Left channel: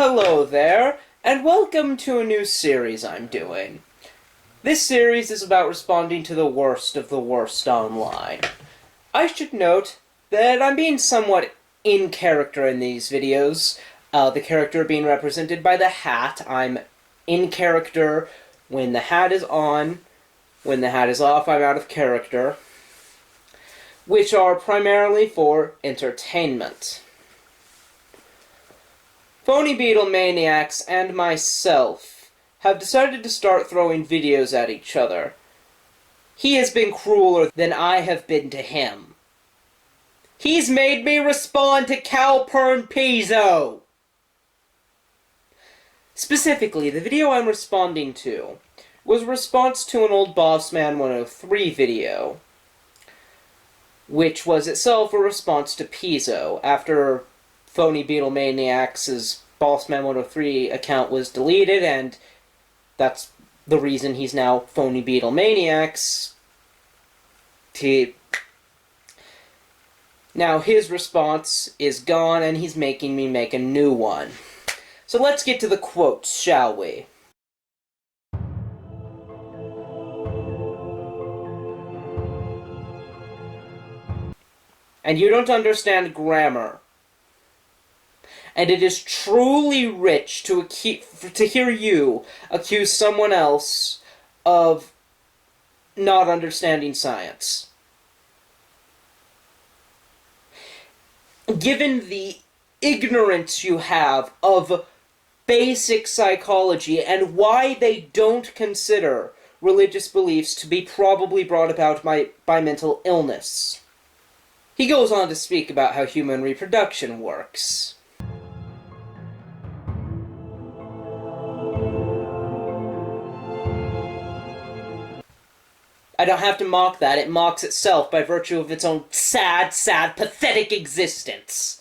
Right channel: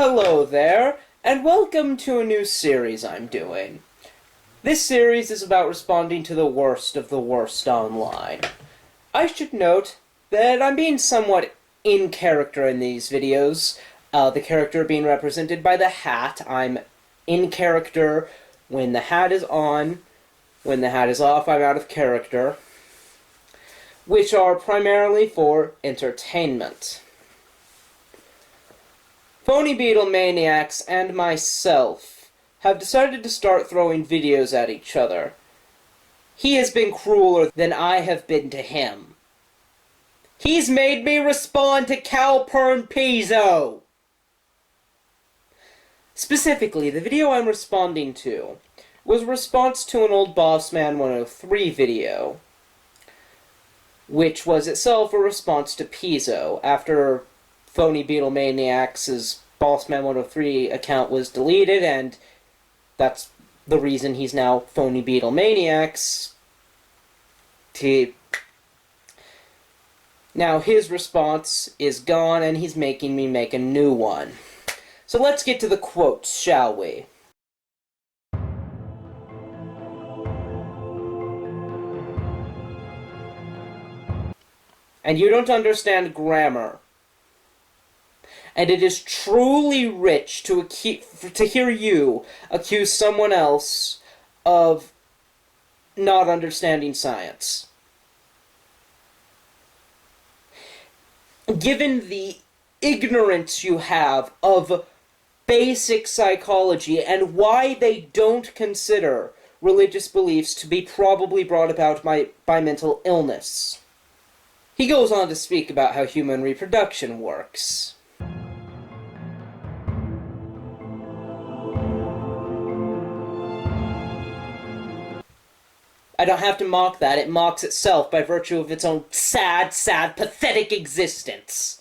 Hello there, and welcome to a new series I'm doing. This series is about responding to the worst of the worst online. I should note that I'm being somewhat in character in these videos. The character being represented by the hat. I'm in character when the hat is on. When the hat is off, I'm out of character. Which are primarily for entertainment. Phony Beetle Maniacs and myself have decided to start throwing videos at each other. He has been crueler than I have been to him. He's made me respond to Calpurnpiso! Specifically, the video I'm responding to was a response to an old Bossman 103 video, which was itself a response to Piso, after Phony Beetle Maniacs' Bossman 103 account was deleted, and that's the reason he's now Phony Beetle Maniacs. Now his response is gone, and he's making me make a new one. So let's get to the quotes, shall we? And you don't understand grammar. And it is truly rich to hear you accuse someone else of not understanding science. Given the ignorance you have of basic psychology and why they don't consider religious beliefs to be probably brought about by mental illness. He goes on to speak about how human reproduction works. I don't have to mock that. It mocks itself by virtue of its own sad, pathetic existence.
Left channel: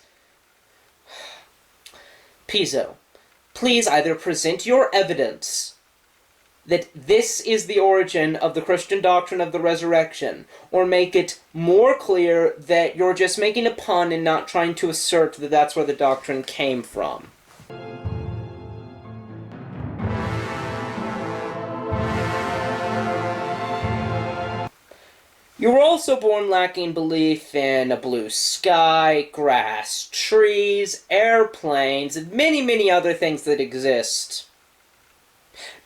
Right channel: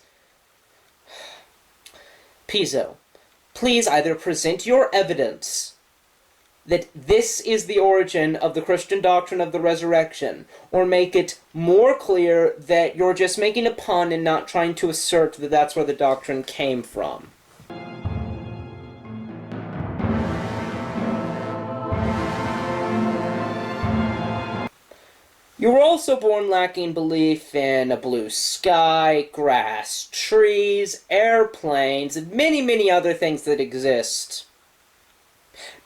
Piso, please either present your evidence that this is the origin of the Christian doctrine of the resurrection, or make it more clear that you're just making a pun and not trying to assert that that's where the doctrine came from. You were also born lacking belief in a blue sky, grass, trees, airplanes, and many other things that exist.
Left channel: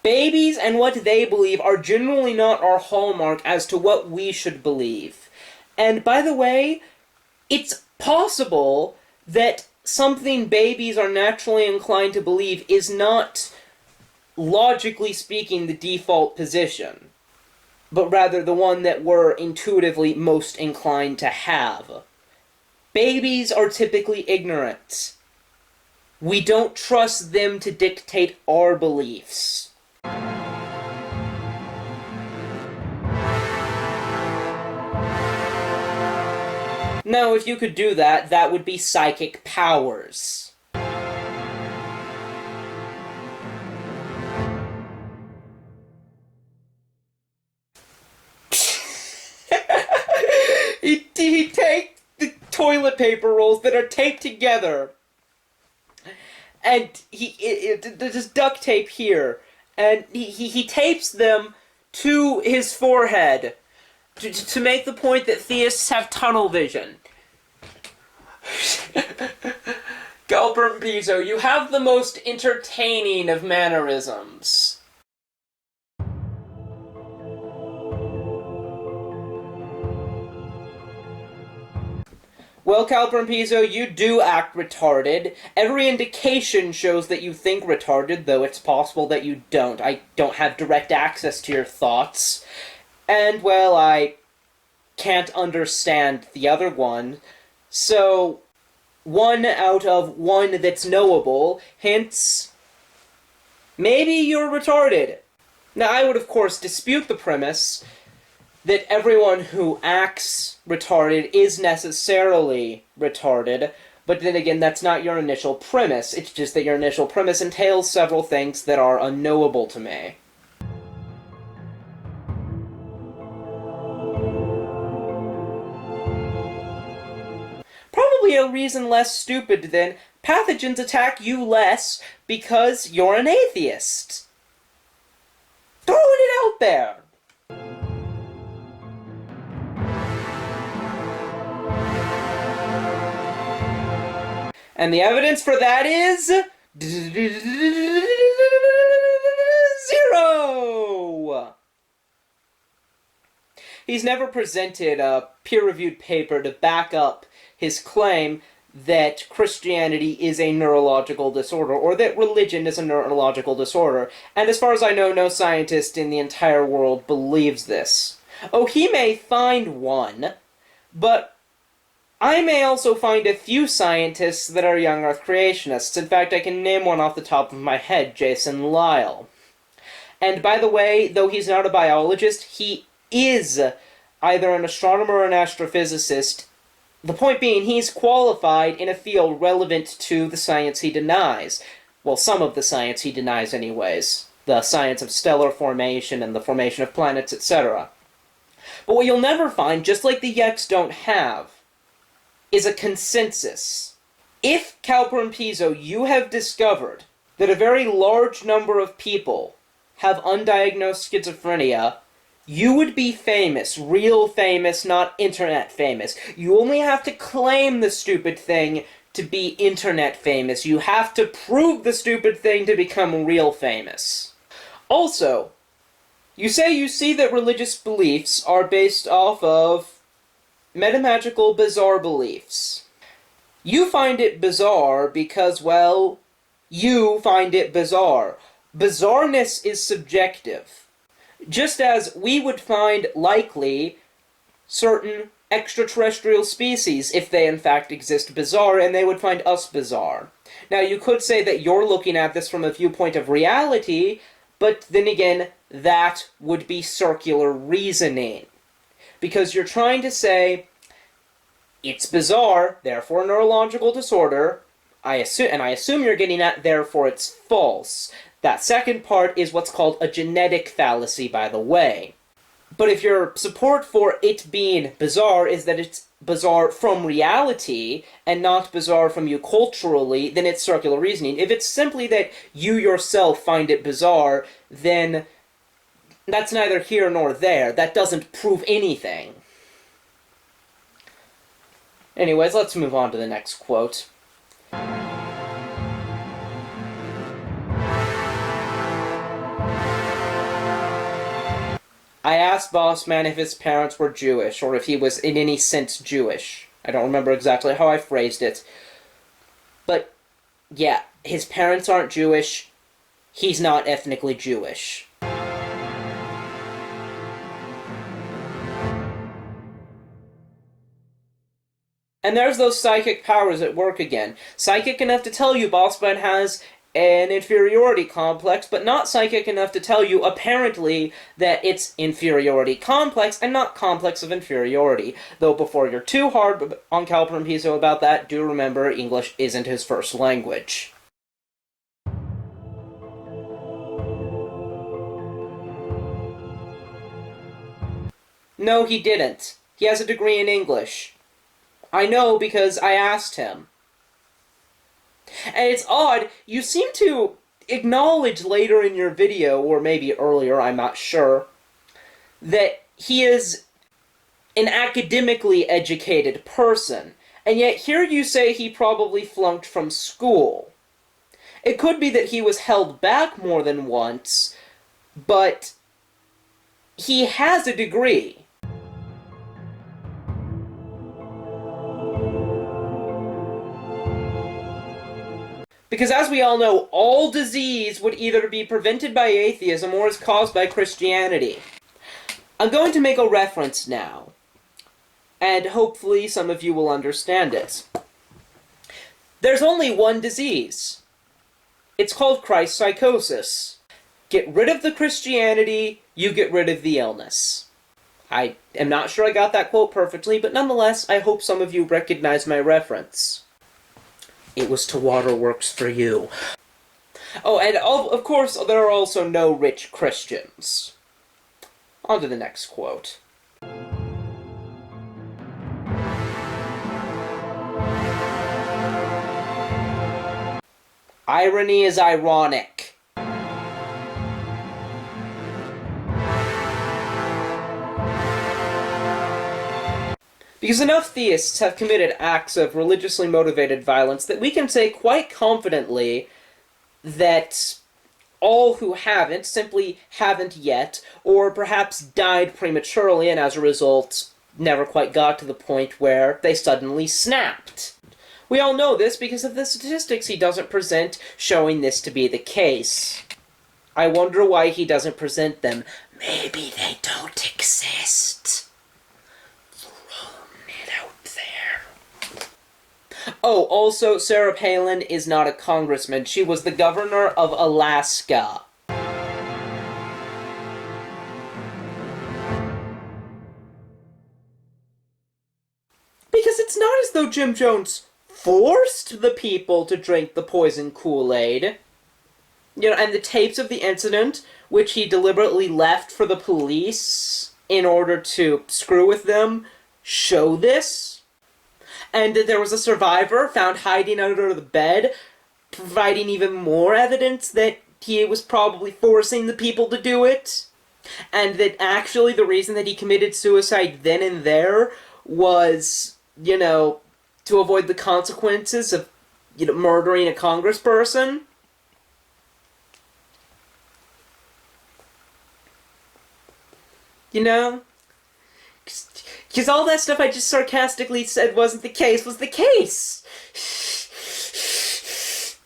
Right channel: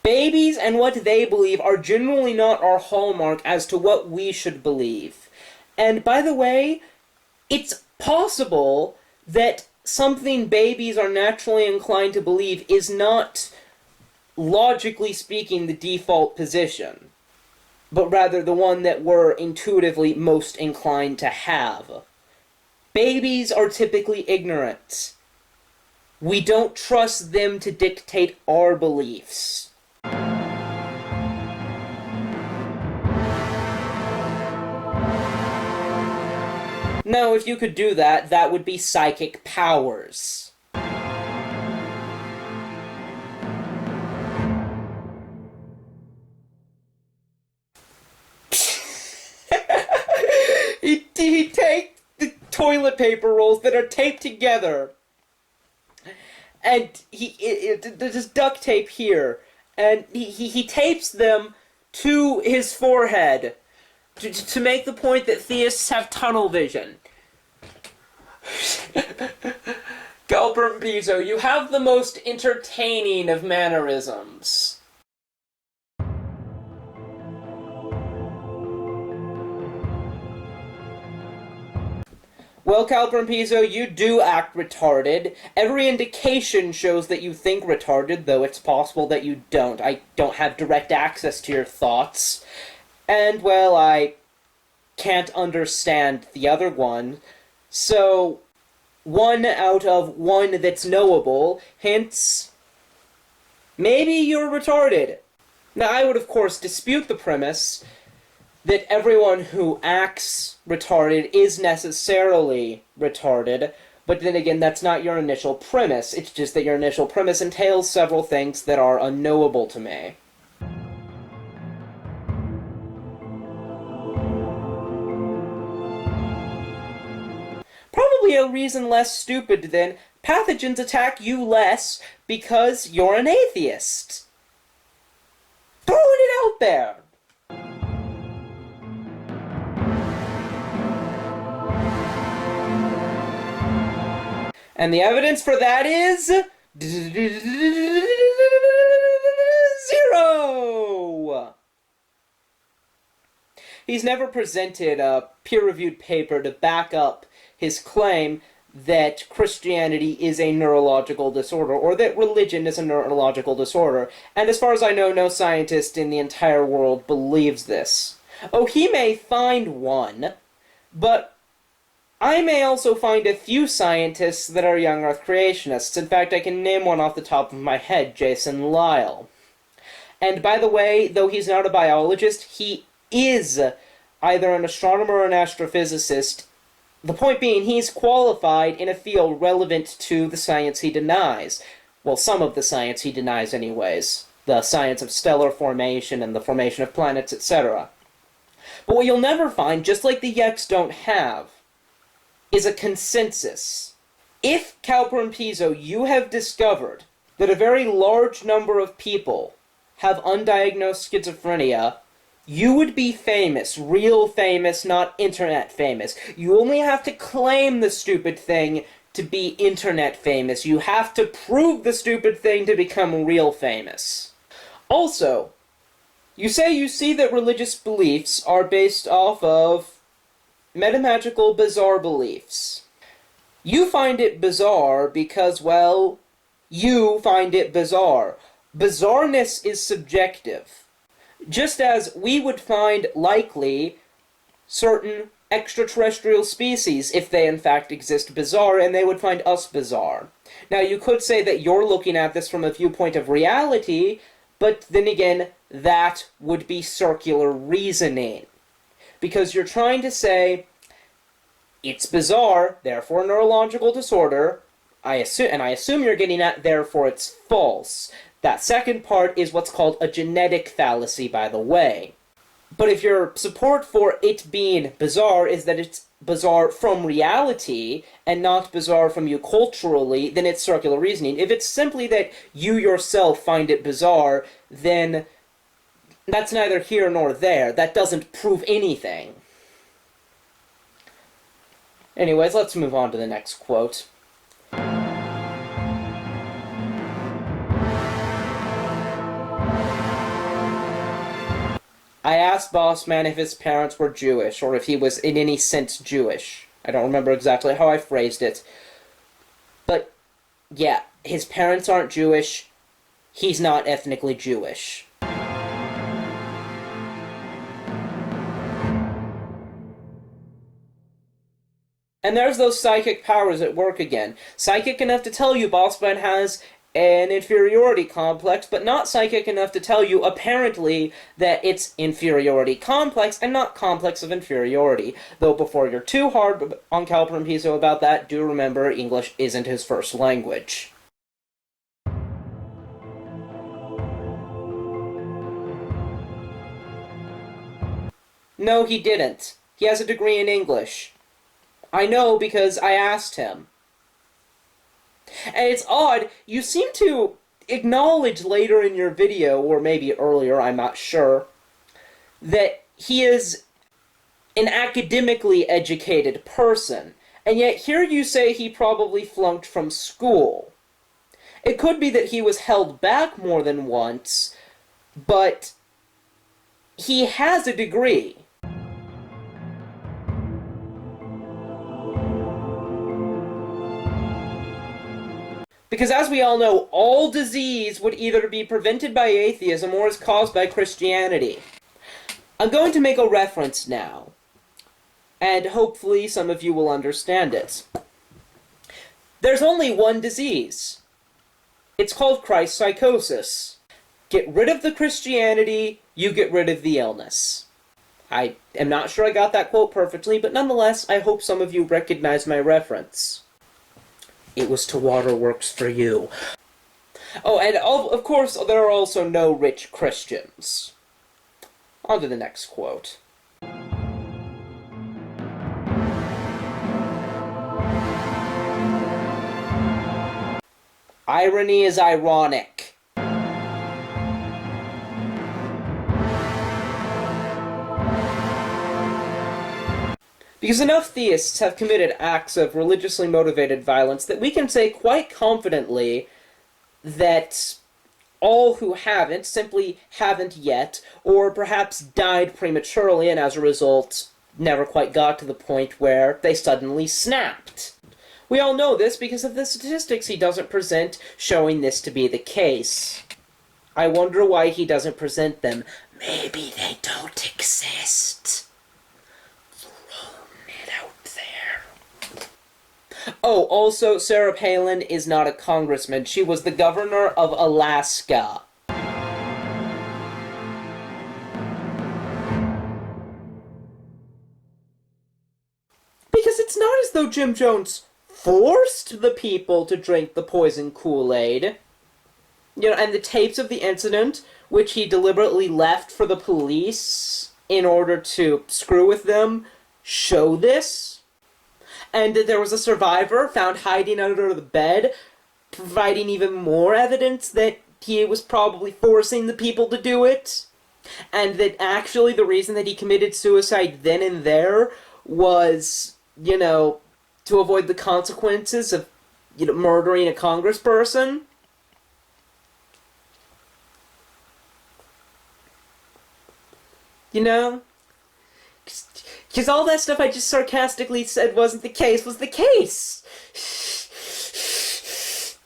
Babies and what they believe are generally not our hallmark as to what we should believe. And by the way, it's possible that something babies are naturally inclined to believe is not, logically speaking, the default position, but rather the one that we're intuitively most inclined to have. Babies are typically ignorant. We don't trust them to dictate our beliefs. Now, if you could do that, that would be psychic powers. He takes the toilet paper rolls that are taped together, and there's duct tape here, and he tapes them to his forehead to make the point that theists have tunnel vision. Calpurnpiso, you have the most entertaining of mannerisms. Well, Calpurnpiso, you do act retarded. Every indication shows that you think retarded, though it's possible that you don't. I don't have direct access to your thoughts. And, well, I can't understand the other one. So, 1 out of 1 that's knowable, hence, maybe you're retarded. Now, I would, of course, dispute the premise that everyone who acts retarded is necessarily retarded, but then again, that's not your initial premise. It's just that your initial premise entails several things that are unknowable to me. Probably a reason less stupid than pathogens attack you less because you're an atheist. Throwing it out there. And the evidence for that is 0! He's never presented a peer-reviewed paper to back up his claim that Christianity is a neurological disorder, or that religion is a neurological disorder. And as far as I know, no scientist in the entire world believes this. Oh, he may find one, but I may also find a few scientists that are young Earth creationists. In fact, I can name one off the top of my head, Jason Lyle. And by the way, though he's not a biologist, he is either an astronomer or an astrophysicist. The point being, he's qualified in a field relevant to the science he denies. Well, some of the science he denies anyways. The science of stellar formation and the formation of planets, etc. But what you'll never find, just like the Yeks don't have, is a consensus. If, Calpurnpiso, you have discovered that a very large number of people have undiagnosed schizophrenia, you would be famous, real famous, not internet famous. You only have to claim the stupid thing to be internet famous. You have to prove the stupid thing to become real famous. Also, you say you see that religious beliefs are based off of metamagical bizarre beliefs. You find it bizarre because, well, you find it bizarre. Bizarreness is subjective. Just as we would find likely certain extraterrestrial species, if they in fact exist, bizarre, and they would find us bizarre. Now, you could say that you're looking at this from a viewpoint of reality, but then again, that would be circular reasoning. Because you're trying to say, it's bizarre, therefore neurological disorder, I assume you're getting at, therefore it's false. That second part is what's called a genetic fallacy, by the way. But if your support for it being bizarre is that it's bizarre from reality, and not bizarre from you culturally, then it's circular reasoning. If it's simply that you yourself find it bizarre, then that's neither here nor there. That doesn't prove anything. Anyways, let's move on to the next quote. I asked Bossman if his parents were Jewish, or if he was in any sense Jewish. I don't remember exactly how I phrased it. But, yeah, his parents aren't Jewish. He's not ethnically Jewish. And there's those psychic powers at work again. Psychic enough to tell you Bossman has an inferiority complex, but not psychic enough to tell you, apparently, that it's inferiority complex and not complex of inferiority. Though before you're too hard on Calpurnpiso about that, do remember English isn't his first language. No, he didn't. He has a degree in English. I know because I asked him. And it's odd, you seem to acknowledge later in your video, or maybe earlier, I'm not sure, that he is an academically educated person, and yet here you say he probably flunked from school. It could be that he was held back more than once, but he has a degree. Because as we all know, all disease would either be prevented by atheism or is caused by Christianity. I'm going to make a reference now, and hopefully some of you will understand it. There's only one disease. It's called Christ psychosis. Get rid of the Christianity, you get rid of the illness. I am not sure I got that quote perfectly, but nonetheless, I hope some of you recognize my reference. It was to waterworks for you. Oh, and of course, there are also no rich Christians. On to the next quote. Irony is ironic. Because enough theists have committed acts of religiously motivated violence that we can say quite confidently that all who haven't simply haven't yet, or perhaps died prematurely and as a result never quite got to the point where they suddenly snapped. We all know this because of the statistics he doesn't present showing this to be the case. I wonder why he doesn't present them. Maybe they don't exist. Oh, also, Sarah Palin is not a congressman. She was the governor of Alaska. Because it's not as though Jim Jones forced the people to drink the poison Kool-Aid. And the tapes of the incident, which he deliberately left for the police in order to screw with them, show this. And that there was a survivor found hiding under the bed, providing even more evidence that he was probably forcing the people to do it. And that actually the reason that he committed suicide then and there was, to avoid the consequences of, murdering a congressperson. Because all that stuff I just sarcastically said wasn't the case was the case.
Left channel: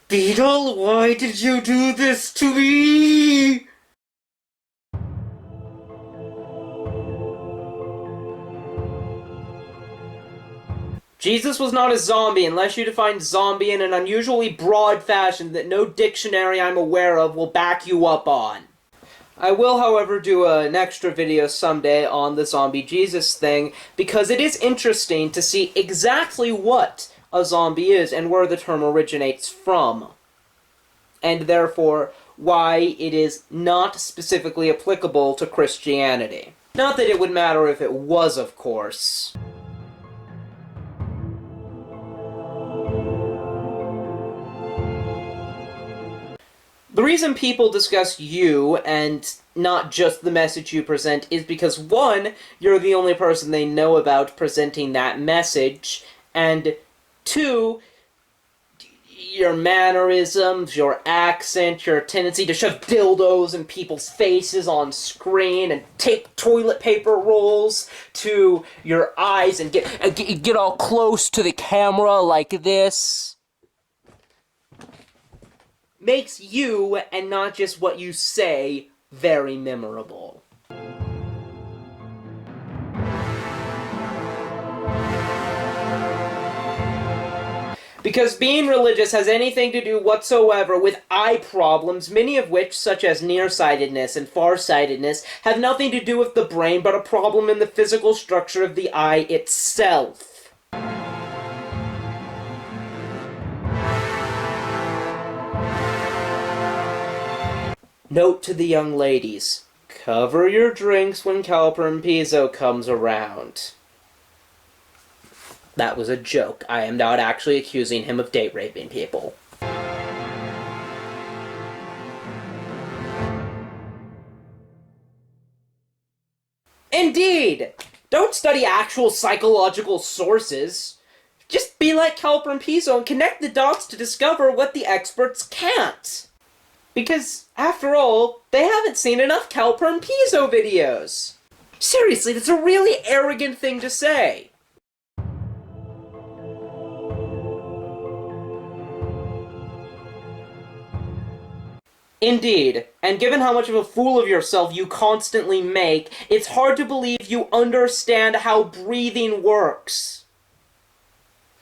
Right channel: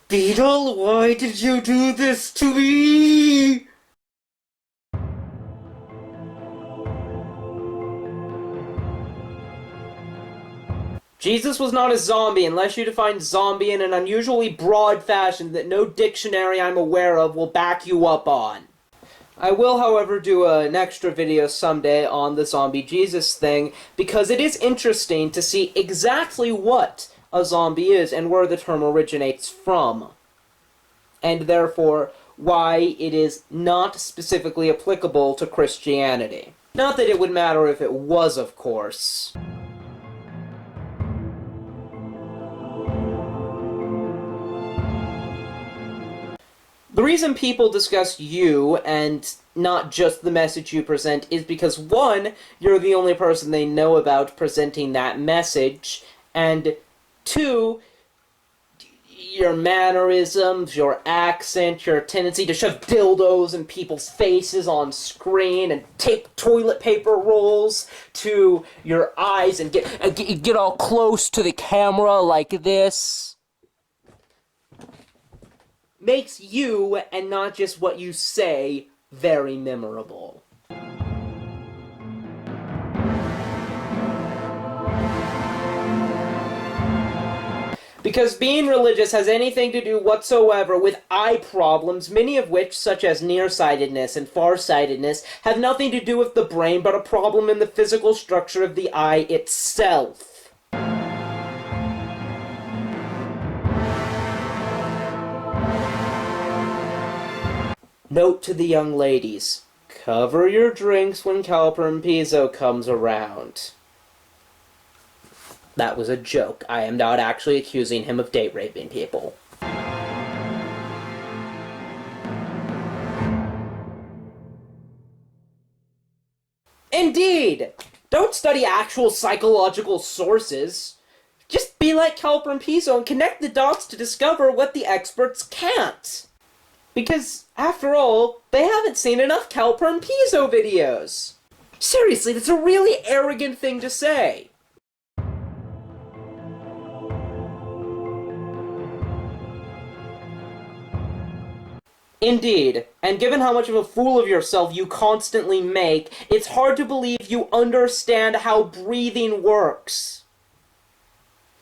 Beetle, why did you do this to me? Jesus was not a zombie unless you define zombie in an unusually broad fashion that no dictionary I'm aware of will back you up on. I will, however, do an extra video someday on the zombie Jesus thing, because it is interesting to see exactly what a zombie is and where the term originates from. And therefore, why it is not specifically applicable to Christianity. Not that it would matter if it was, of course. The reason people discuss you, and not just the message you present, is because, one, you're the only person they know about presenting that message, and two, your mannerisms, your accent, your tendency to shove dildos in people's faces on screen, and tape toilet paper rolls to your eyes, and get all close to the camera like this. Makes you, and not just what you say, very memorable. Because being religious has anything to do whatsoever with eye problems, many of which, such as nearsightedness and farsightedness, have nothing to do with the brain but a problem in the physical structure of the eye itself. Note to the young ladies, cover your drinks when Calpurnpiso comes around. That was a joke. I am not actually accusing him of date raping people. Indeed! Don't study actual psychological sources. Just be like Calpurnpiso and connect the dots to discover what the experts can't. Because, after all, they haven't seen enough Calpurnpiso videos. Seriously, that's a really arrogant thing to say. Indeed, and given how much of a fool of yourself you constantly make, it's hard to believe you understand how breathing works.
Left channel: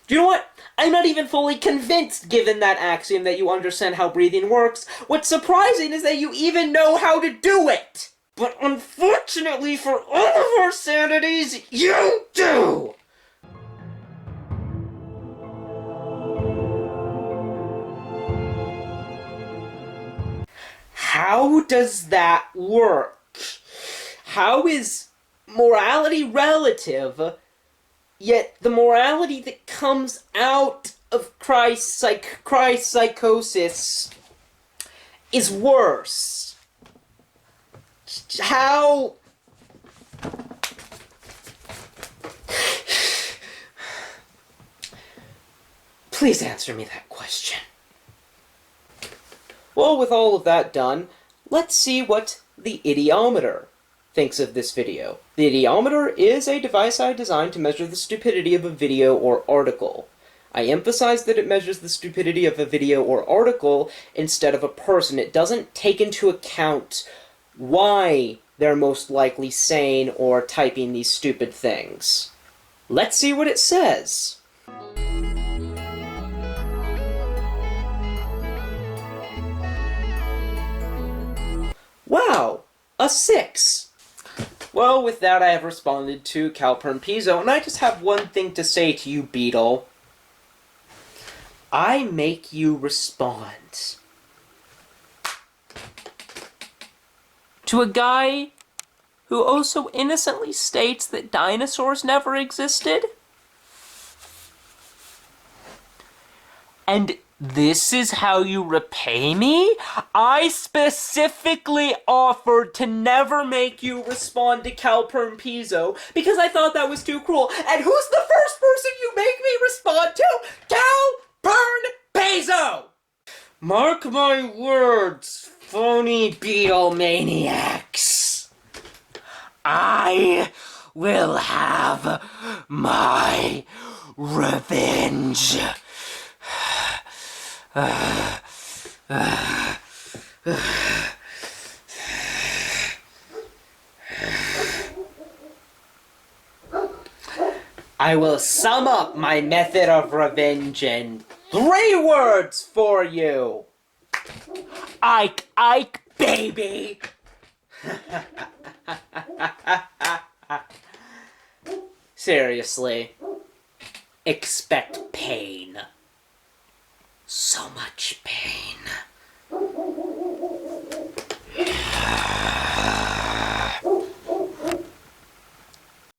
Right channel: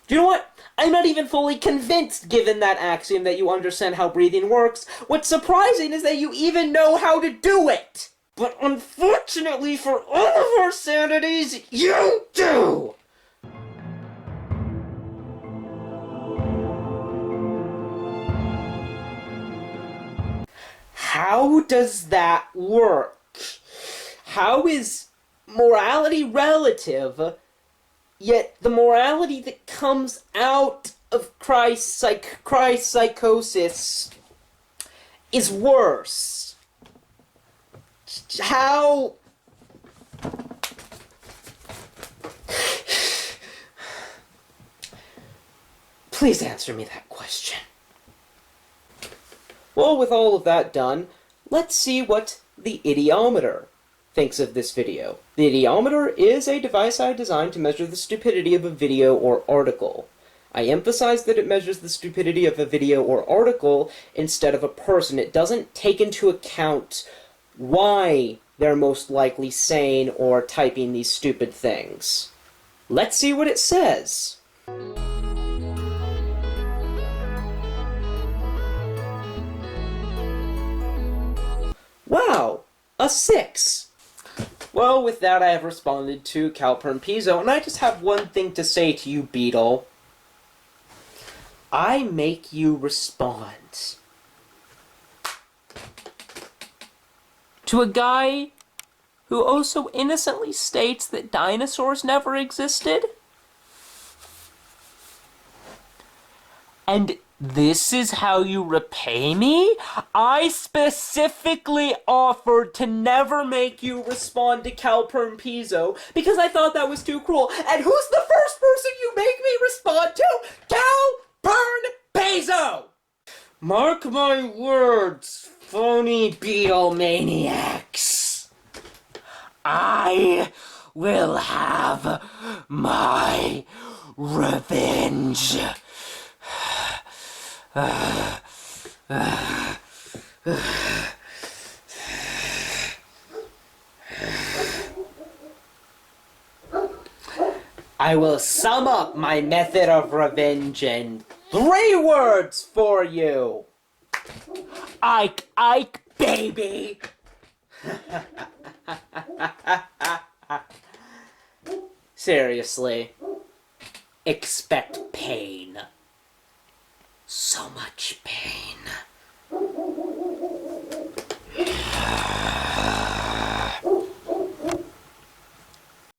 Do you know what? I'm not even fully convinced, given that axiom, that you understand how breathing works. What's surprising is that you even know how to do it! But unfortunately for all of our sanities, you do! How does that work? How is morality relative, yet the morality that comes out of Christ psychosis is worse? How... Please answer me that question. Well, with all of that done, let's see what the idiometer thinks of this video. The idiometer is a device I designed to measure the stupidity of a video or article. I emphasize that it measures the stupidity of a video or article instead of a person. It doesn't take into account why they're most likely saying or typing these stupid things. Let's see what it says. Wow, a 6. Well, with that I have responded to Calpurnpiso, and I just have one thing to say to you, Beetle. I make you respond. To a guy who also innocently states that dinosaurs never existed? And this is how you repay me? I specifically offered to never make you respond to Calpurnpiso because I thought that was too cruel. And who's the first person you make me respond to? Calpurnpiso! Mark my words, phony beetle maniacs. I will have my revenge. I will sum up my method of revenge in 3 words for you. Ike, Ike, baby! Seriously, expect pain. So much pain.